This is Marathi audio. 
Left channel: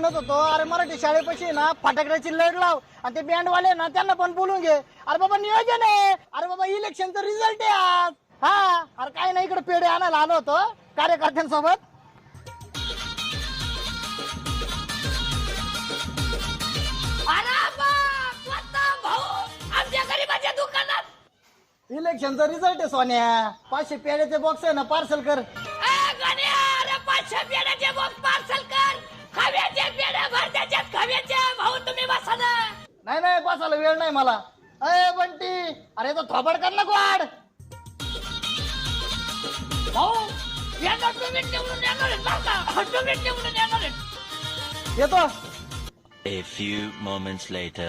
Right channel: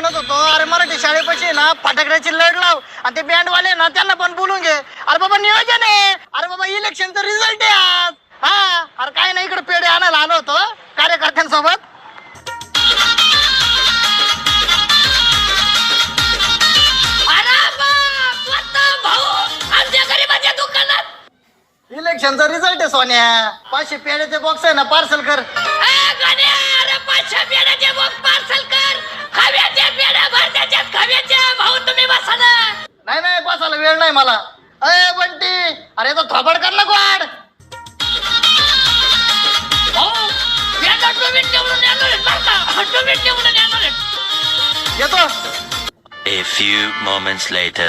म्हणत होतो, अरे मराठी शाळेपाशी ना फटाकड्याची लढ लाव आणि ते बँडवाले ना त्यांना पण बोलून घे. अरे बाबा नियोजन आहे, अरे बाबा इलेक्शनचा रिझल्ट आहे आज. हा अरे काय नाही, इकडे पेढे आणायला आलो होतो कार्यकर्त्यांसोबत. इलेक्शनचा रिझल्ट आहे सोन्या. 500 पेढ्याचे बॉक्स आहे ना, पार्सल कर. 500 पेढ्याचे बॉक्स पार्सल कर. खव्याचे पेढ्या भर त्याच्यात खव्याचे. भाऊ तुम्ही बसा ना. नाही नाही, बसायला वेळ नाही मला. अय बंटी, अरे तो थोबड कर ना वाढ. भाऊ पेढा तुम्ही निवडून येणार आहेत बरं का. तुम्ही निवडून येणार आहेत. येतो. A few moments later.